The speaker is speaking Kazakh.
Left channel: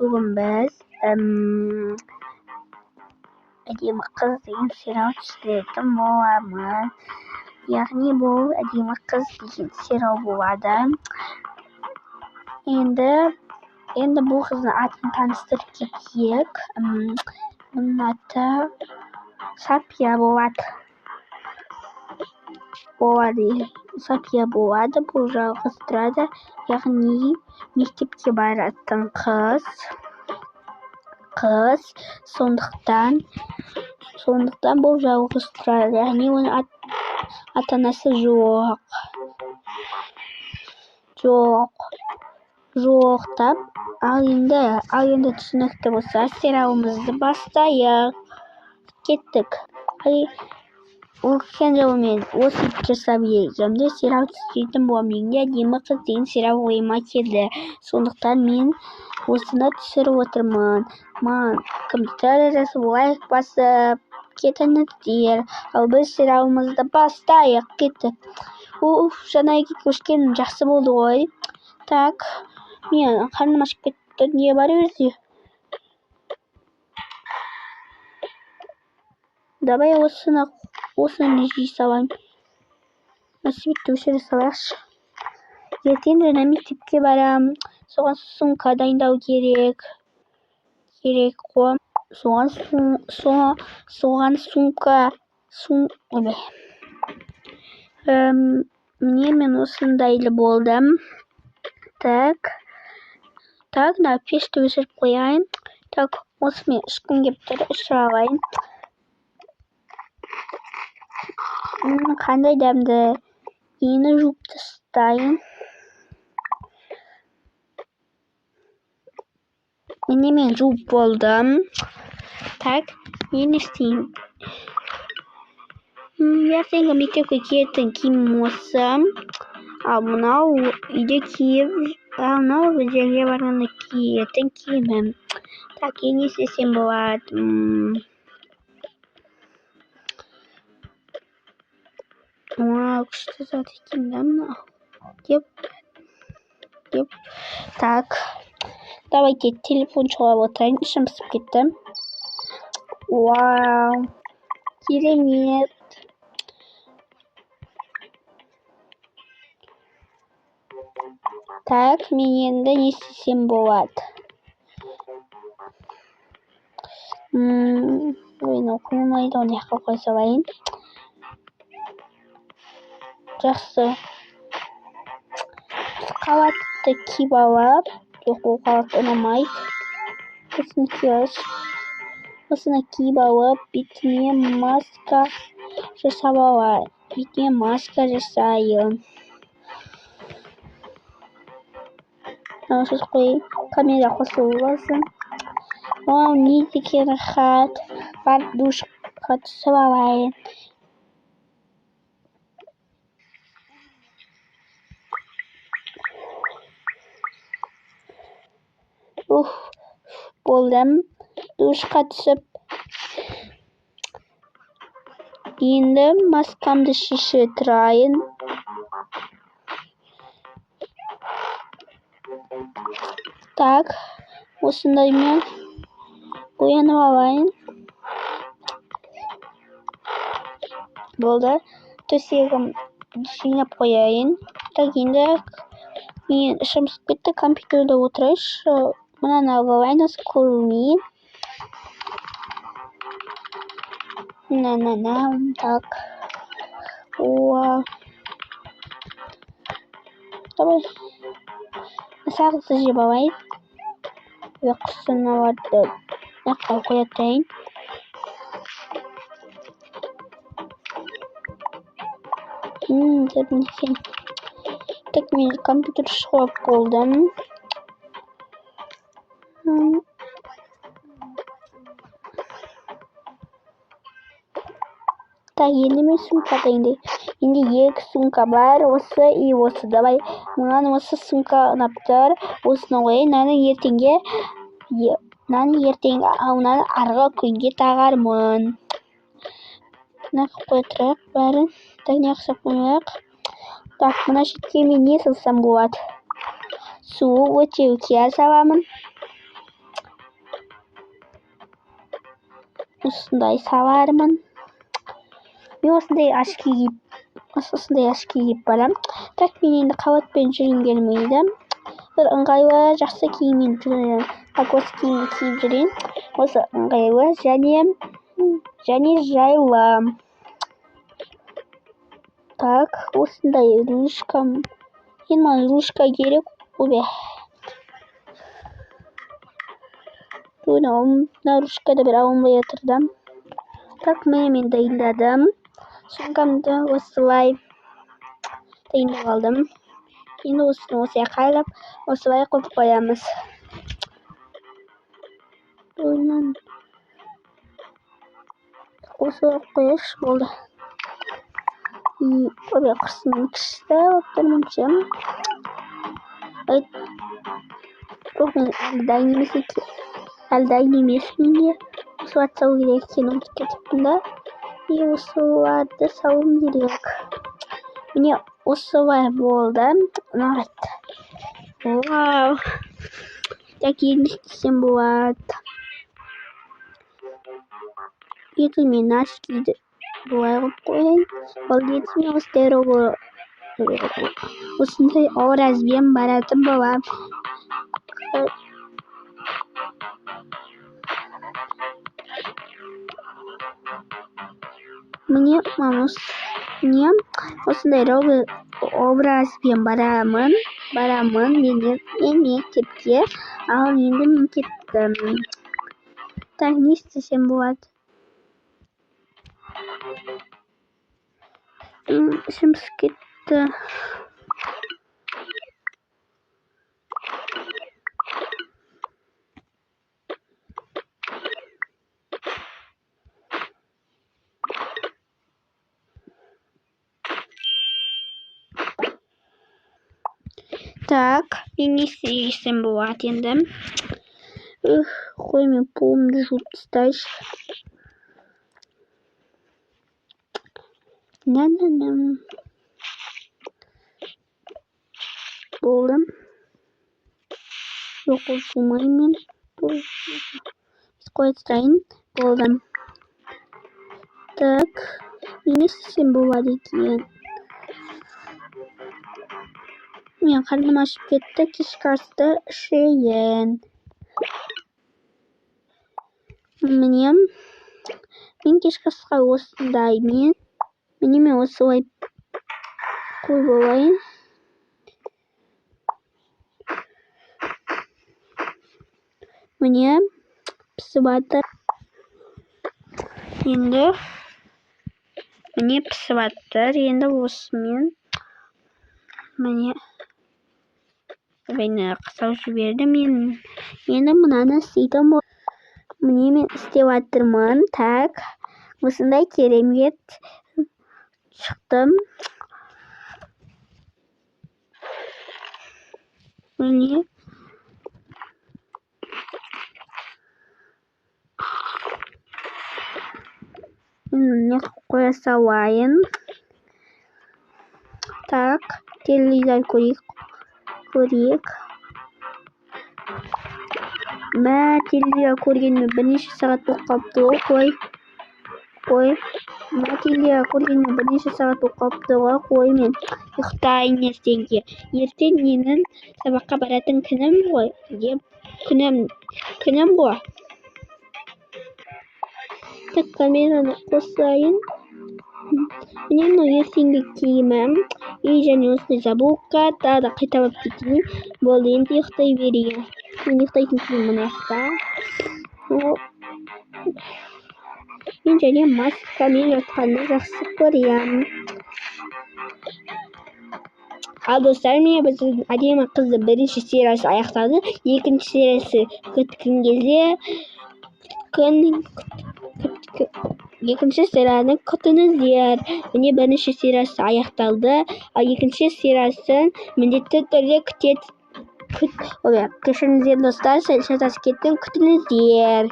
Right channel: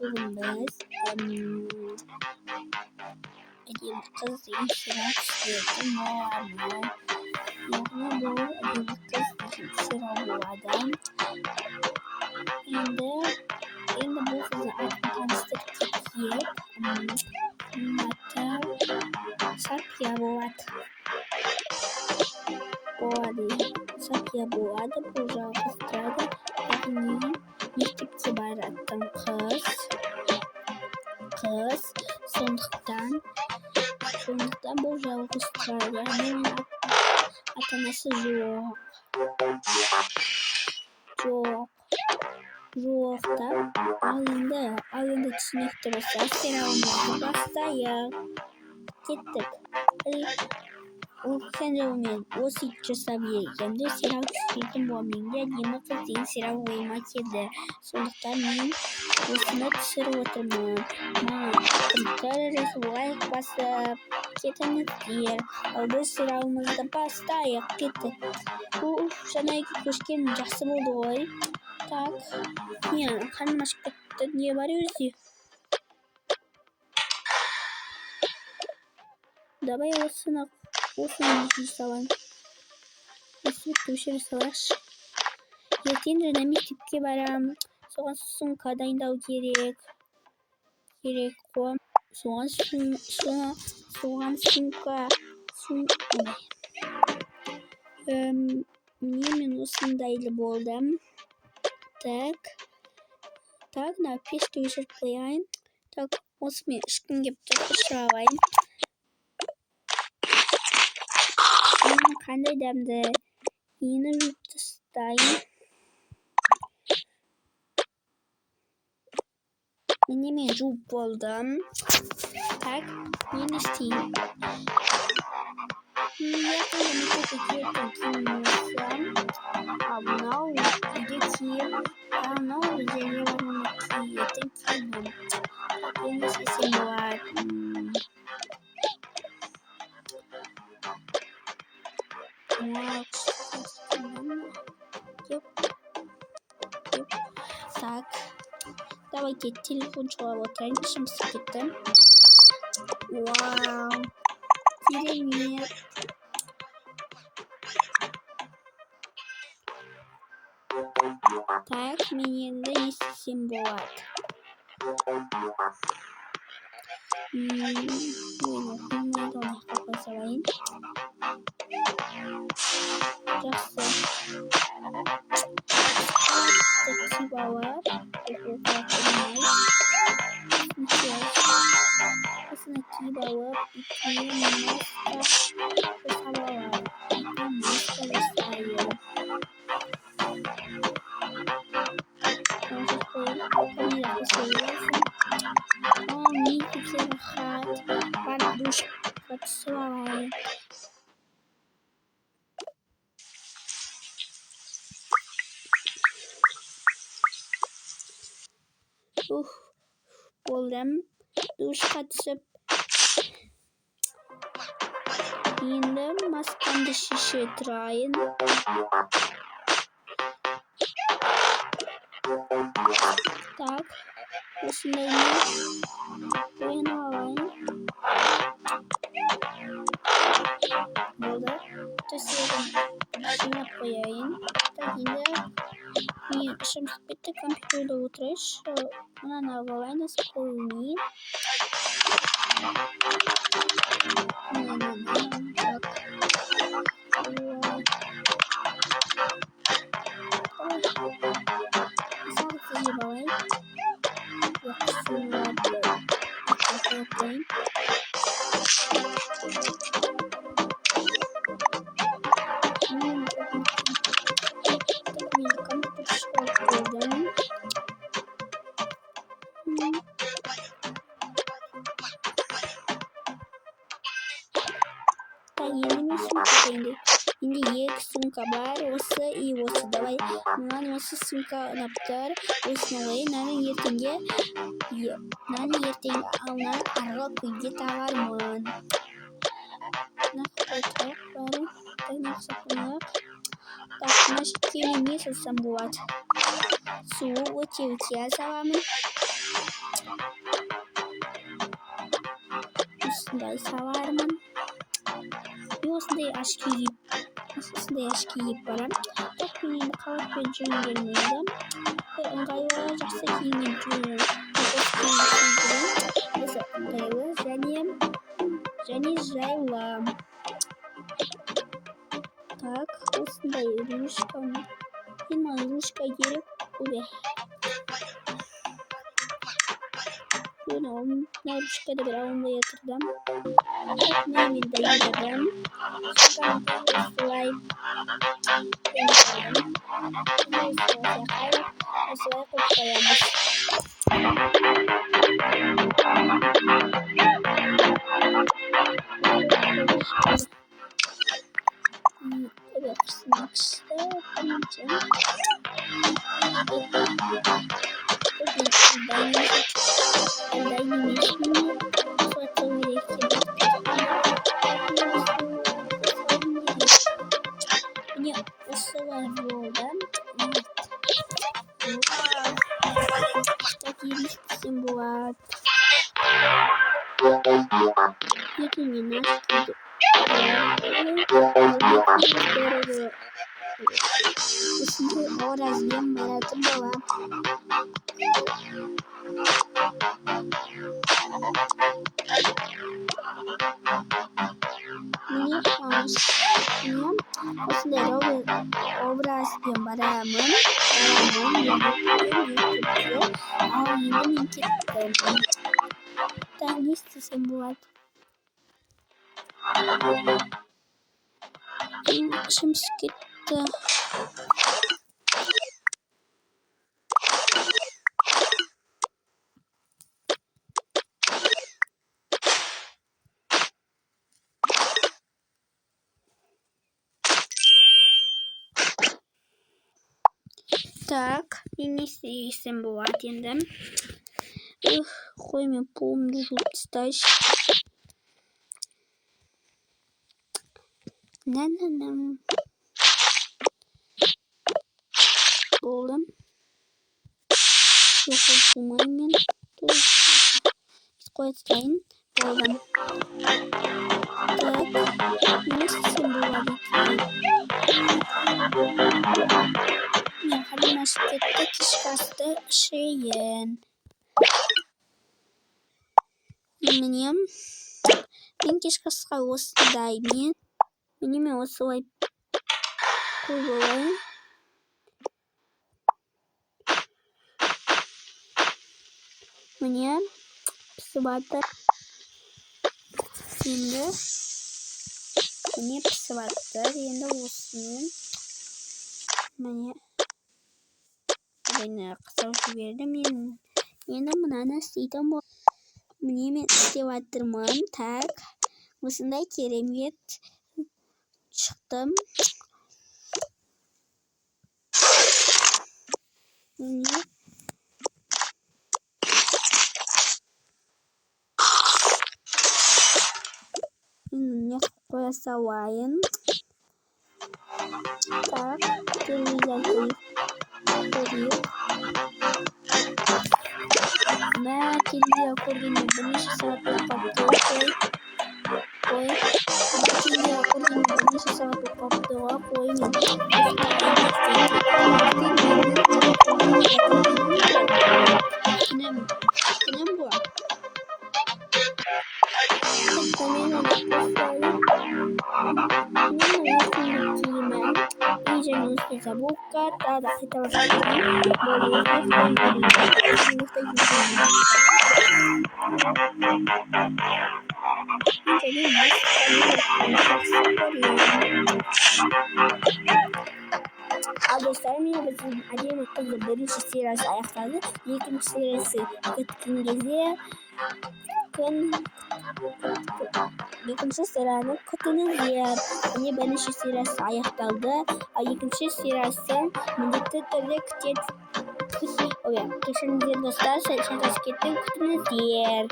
Bugün biz Edime Kız degan serial tushirdim. Bu var mı? Yani bu Edime Kız degan serial bo'ladi. Endi bu qizni atini tanishtirib ketdik. Uning ati Safiya bo'ladi. Safiya bo'ladi. Bu qiz turadi. Ya'ni maktabga boradigan qiz. So'ndikdan bu qiz turadi. Ya'ni uni ota-onasi yo'q deb endi tushunarli bo'lsa serialimizni boshladik. Ketdik. Men o'sib egamda serial tushirdim. Bu menga Edime Kız degan serial o'yima keldi. So'ndikdan men o'sini tushirib o'tirman. Komputerda like bosib ketingizlar. Biz serialimizni boshladik. Ketdik. Shunday ko'rishgan yaxshi bo'ldi voy. Tak. Men qarnim ochib ketdi. Niye boryapsiz? Давай o'sini rejissor nasibni o'shirish. Ertaga maktabga boram. So'g'an sumka tayinlab kerak. So'g'an sumka. Men o'sindayli bo'ldim. Tak, na peshni o'chirib qo'yayin. Tak, o'smen ish kunga bitirib ishlayman. Qanday damdi? Yeni yuvib tashlayin. Men yuvib bo'ldim. Tak, men ishlayman. Ertaga maktabga ketdim kiyimim. Mana uyda kiyib, joyga borganda kiyimim. Tak, endi ishlasam bo'ladi. Так. Давайте телефон çalab o'tirayın. İşim pisib ketdi. Wow. Керемет. Так, men endi ishlasam bo'ladi. O'yin o'qimaydi, uni yoqqa qo'ysa bo'yin. Yaxshi. Qavatda kiyib olib, yo'q, u qavat o'ynamaydi. O'sini kiyib olib, bitmay maska jasayim. Siz qo'ying, kamera qo'shilsin. Niki rahat. Ben duş kaçsam. Bo'ldim. Duş kaçıp endi maskamni shishirtirayin. Tak, o'shundaymi? Bo'yanib olayin. Bo'ldi. To'sagim sinab qo'yayin. Tak, endi men ishim bitta kompyuterda o'tirish. Mana navbayn ko'rmayyin. Так. Wow. Давай. Сразу заживай. Yo'qsini oldi. Yo'qqa qo'yayин. Tak, men kompyuter ishlatib bo'ldim. Так, endi men sumkada endi екі sumka bor, o'si и o'si. Давай, mana o'si sumka naptir. O'sini qo'ying. Nani ertaga uni arg'a kunga tag'arman. Naqib qo'yib bari. Tak, yaxshi qo'yaq. Tak, mana shu kiyimni ne qilsam bo'ladi? Suv o'tib kesaman. осындай салармын. Мен осындай аш киіп барам. Так мен енді қабатпен жүргім келмейді. Бір ыңғайлы жақсы киіммен жүремін. Так осы киімді кигізейін. Осы ыңғайлы және жайлы. Так, осындай ручкам. Енді маған ручка керек. Ой. Мына ручкада бір алынбай отырдым. Так, мен дайындадым. Сумкамды осылай дайындап алдым. Енді осылай қайрап, осылай қойып қоямыз. Осылай қойыш болды. Ой, қырсының кішті өттірмінші. Әлдайын емеспін де. Осылай салу керек екенін өттірдім. Осыларды салуым керек. Міне осылай болды. Вау. Так елестесем болады. Егер мен ашкиді осындай образбен баратын болам. Мне осындай образбен барамын мен мектепке. Ал енді мен кеттім. Так, не істесем болады? Ішім кетті. Так, мен не істесем болады енді? Қой, мен полымды жуып тастайыншы. Болдым. Жоқ, болмаймен. Қой тастайын. Болдым. Так, не істесем болады екен? Мен қарным ашып кетті, кешкі асты ішейін. Мен кешкі асқа осындай мен осылай қой болайын. Міне пісіп жатыр. Енді осымен міне қысау жібердім. Енді мынаны істейтін боламын. Міне мен істеп жатырмын. Так, осындай керемет шықтым. Міне не қоя салайын. Так, телевизор көрейік. Телевизор көргеніме бірнеше сағат болып қалыпты ғой. Телевизор көргеніме бірнеше сағат болып қалыпты ғой. Мен ұйықтайын ертеңге. Ертең менің сабаққа баратын күнім ғой. Камераны қосайын. Мен ертеңгі киімім. Және осы забука. Тағы да қайта басып кетейін. Болайын, ұйықтай берейін. Мен ұйықтайтын киімін ашта. Мен және маскамен ұйықтағанды жақсы көремін. Ал достар, міне біздің әдемі қызды бірінші сериясы аяқталды. Екінші сериясы күткен кезде екінші серияны күтіңіздер. Міне бірінші сериясы аяқталды. Ал екінші сериясын міндетті түрде кешіріңіздер достар, күтіңіздер.